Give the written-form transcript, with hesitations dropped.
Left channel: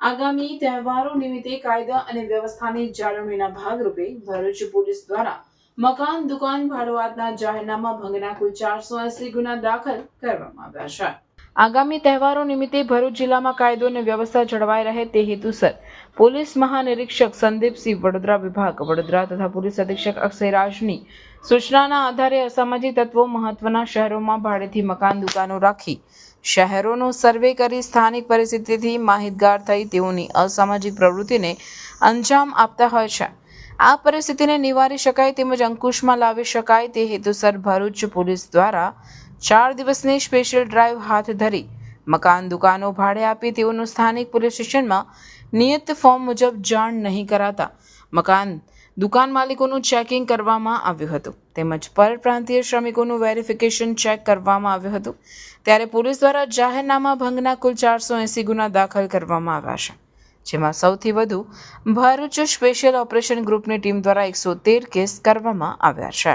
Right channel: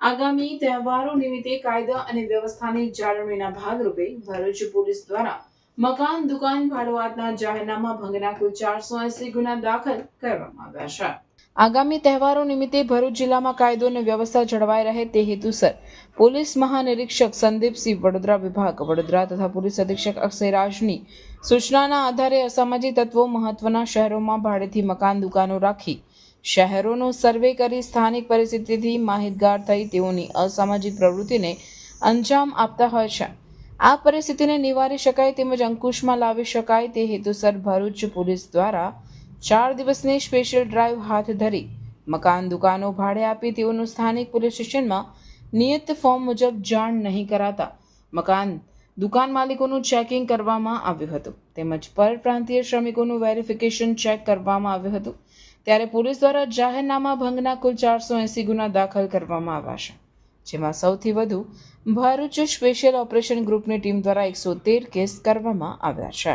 આગામી તહેવારો નિમિત્તે કાયદા અને વ્યવસ્થાની જાળવણીના ભાગરૂપે ભરૂચ પોલીસ દ્વારા મકાન દુકાન ભાડુઆતના જાહેરનામા ભંગના કુલ 480 ગુના દાખલ કરવામાં આવ્યા છે. આગામી તહેવારો નિમિત્તે ભરૂચ જિલ્લામાં કાયદો અને વ્યવસ્થા જળવાઈ રહે તે હેતુસર પોલીસ મહાનિરીક્ષક સંદીપસિંહ વડોદરા વિભાગ વડોદરા તથા પોલીસ અધિક્ષક અક્ષયરાજની સૂચનાના આધારે અસામાજિક તત્વો મહત્વના શહેરોમાં ભાડેથી મકાન દુકાનો રાખી શહેરોનો સર્વે કરી સ્થાનિક પરિસ્થિતિથી માહિતગાર થઈ તેઓની અસામાજિક પ્રવૃત્તિને અંજામ આપતા હોય છે. આ પરિસ્થિતિને નિવારી શકાય તેમજ અંકુશમાં લાવી શકાય તે હેતુસર ભરૂચ પોલીસ દ્વારા 4 દિવસની સ્પેશિયલ ડ્રાઈવ હાથ ધરી મકાન દુકાનો ભાડે આપી તેઓનું સ્થાનિક પોલીસ સ્ટેશનમાં નિયત ફોર્મ મુજબ જાણ નહીં કરાતા મકાન દુકાન માલિકોનું ચેકિંગ કરવામાં આવ્યું હતું તેમજ પરપ્રાંતીય શ્રમિકોનું વેરિફિકેશન ચેક કરવામાં આવ્યું હતું. ત્યારે પોલીસ દ્વારા જાહેરનામા ભંગના કુલ 480 ગુના દાખલ કરવામાં આવ્યા છે, જેમાં સૌથી વધુ ભરૂચ સ્પેશિયલ ઓપરેશન ગ્રુપની ટીમ દ્વારા 113 કેસ કરવામાં આવ્યા છે.